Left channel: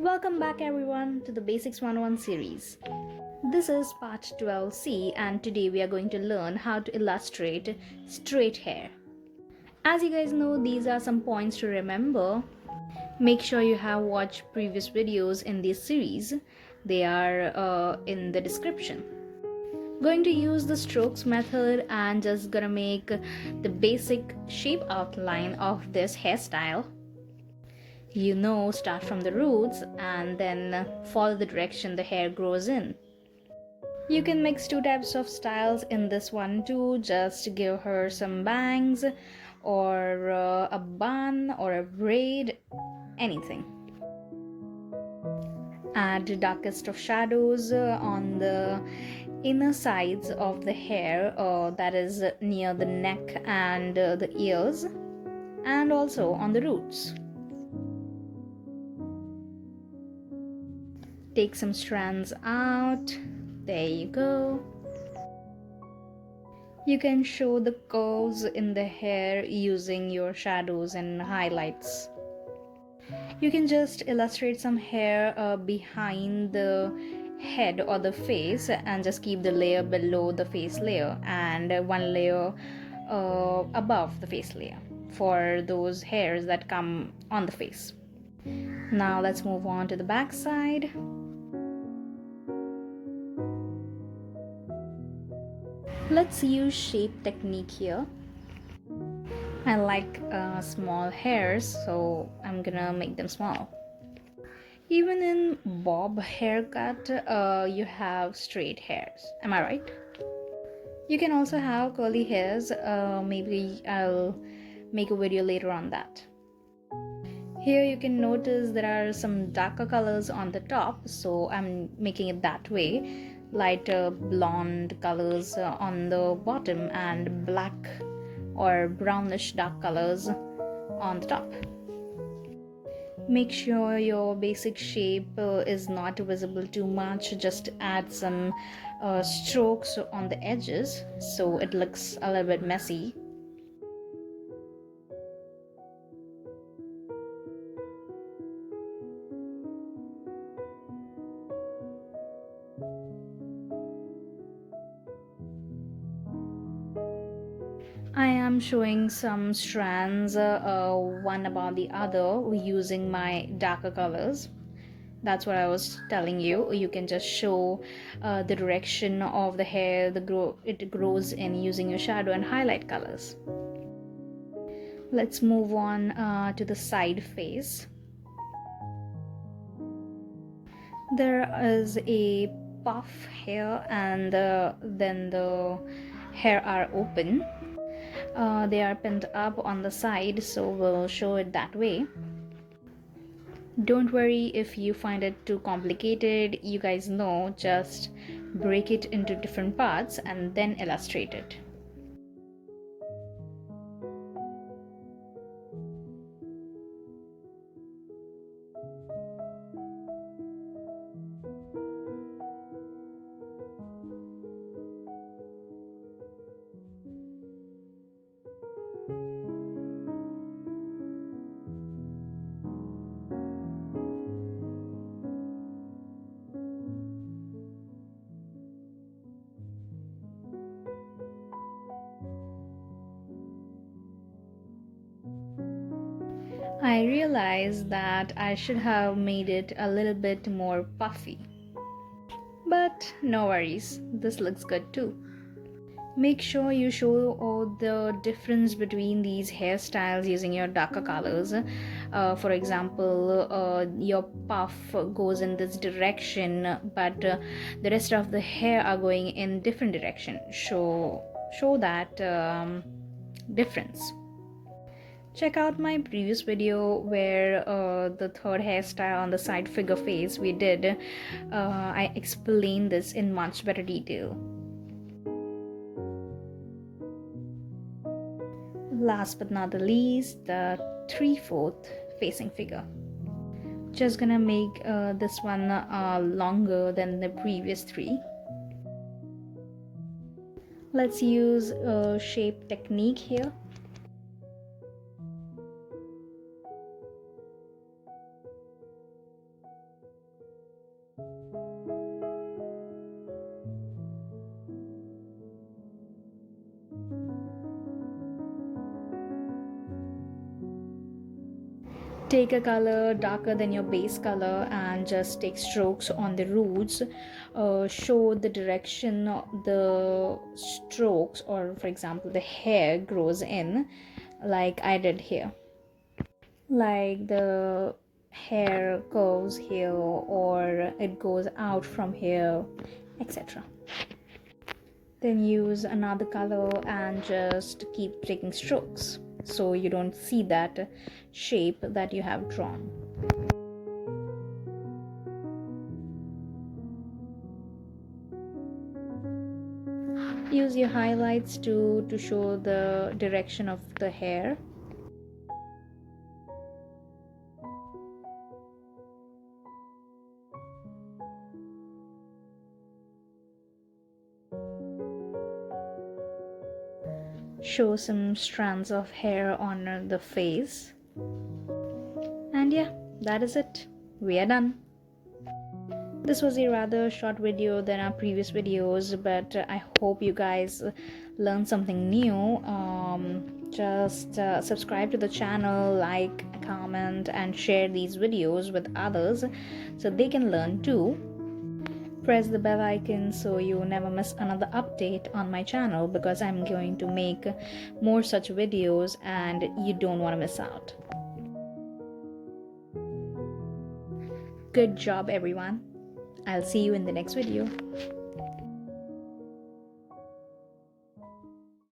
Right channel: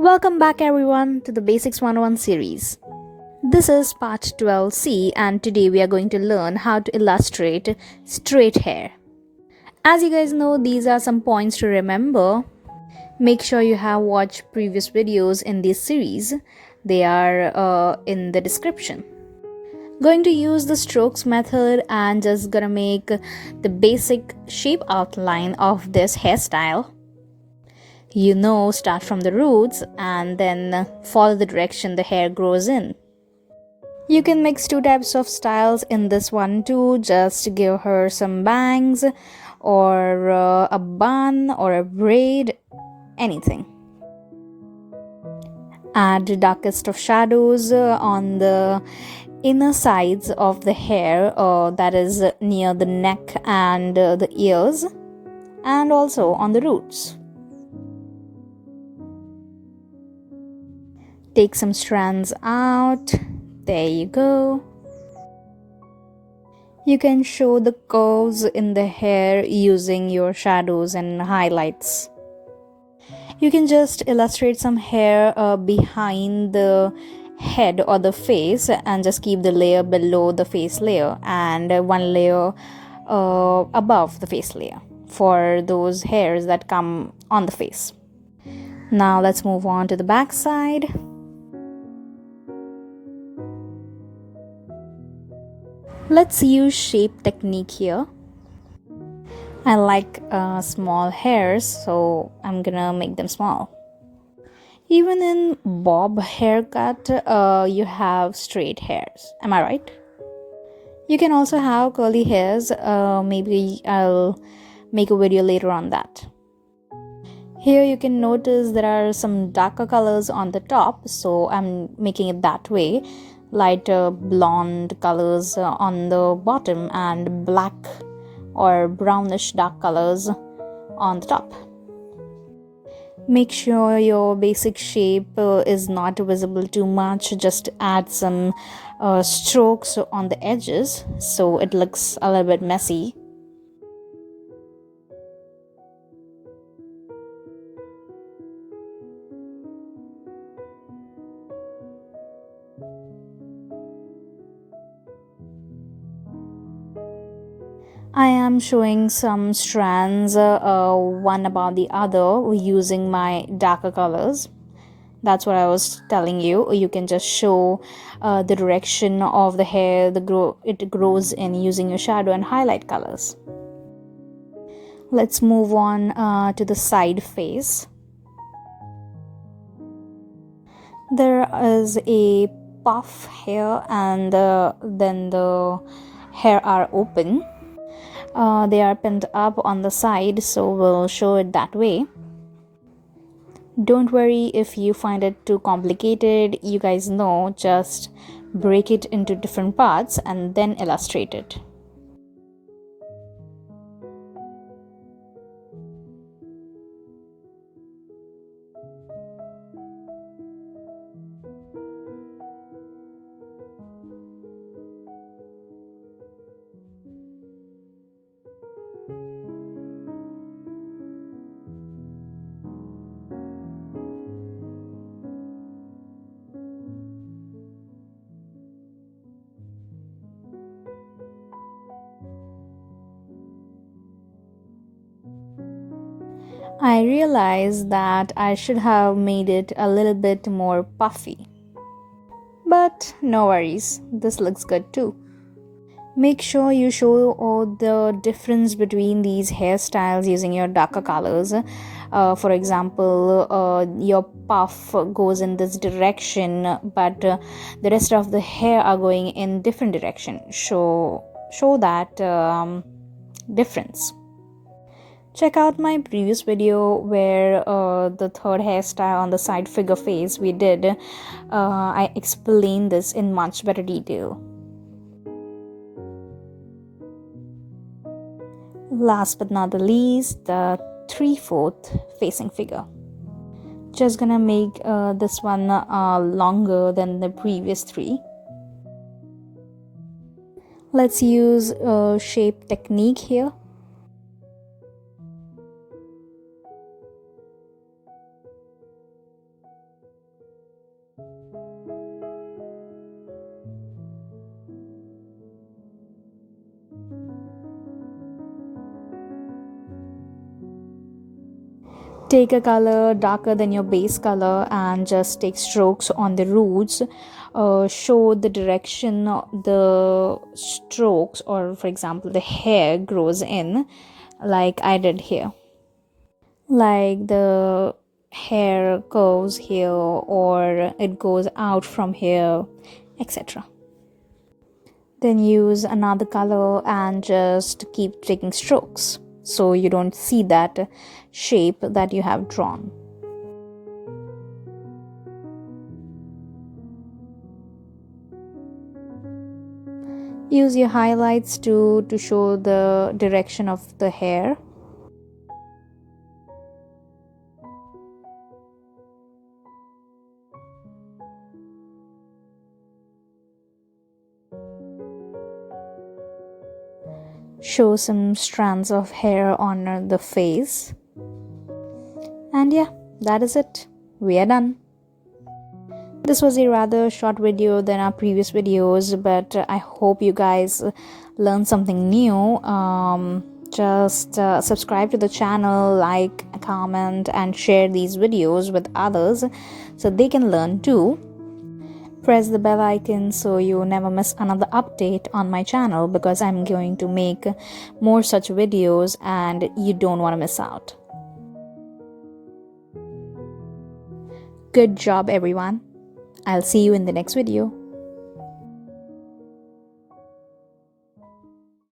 Welcome back everyone to the Basics 101 series. This is part 12C and today we are going to learn how to illustrate straight hair. As you guys know, these are some points to remember. Make sure you have watched previous videos in this series. They are in the description. Going to use the strokes method and just gonna make the basic shape outline of this hairstyle. Start from the roots and then follow the direction the hair grows in. You can mix two types of styles in this one too. Just give her some bangs or a bun or a braid, anything. Add the darkest of shadows on the inner sides of the hair, that is near the neck and the ears, and also on the roots. Take some strands out. There you go. You can show the curves in the hair using your shadows and highlights. You can just illustrate some hair behind the head or the face and just keep the layer below the face layer and one layer above the face layer for those hairs that come on the face. Now let's move on to the back side. Let's use shape technique here. I like small hairs, so I'm gonna make them small. Even in bob haircut, you have straight hairs. Am I right? You can also have curly hairs. Maybe I'll make a video later on that. Here you can notice there are some darker colors on the top, so I'm making it that way. Lighter blonde colors on the bottom and black or brownish dark colors on the top. Make sure your basic shape is not visible too much. Just add some strokes on the edges so it looks a little bit messy. I am showing some strands one above the other using my darker colors. That's what I was telling you. You can just show the direction of the hair it grows in using your shadow and highlight colors. Let's move on to the side face. There is a puff here and then the hair are open. They are pinned up on the side, so we'll show it that way. Don't worry if you find it too complicated. You guys know, just break it into different parts and then illustrate it. I realized that I should have made it a little bit more puffy. But no worries, this looks good too. Make sure you show all the difference between these hairstyles using your darker colors. For example, your puff goes in this direction, but the rest of the hair are going in different direction. Show that difference. Check out my previous video where the third hairstyle on the side figure face we did. I explained this in much better detail. Last but not the least, the 3/4 facing figure. Just gonna make this one longer than the previous three. Let's use shape technique here. Take a color darker than your base color and just take strokes on the roots. Show the direction the strokes, or for example the hair grows in, like I did here. Like the hair goes here or it goes out from here, etc. Then use another color and just keep taking strokes so you don't see that shape that you have drawn. Use your highlights to show the direction of the hair. Show some strands of hair on the face. And yeah, that is it. We are done. This was a rather short video than our previous videos, but I hope you guys learned something new. Just subscribe to the channel, like, comment, and share these videos with others so they can learn too. Press the bell icon so you never miss another update on my channel, because I'm going to make more such videos and you don't want to miss out. Good job, everyone. I'll see you in the next video.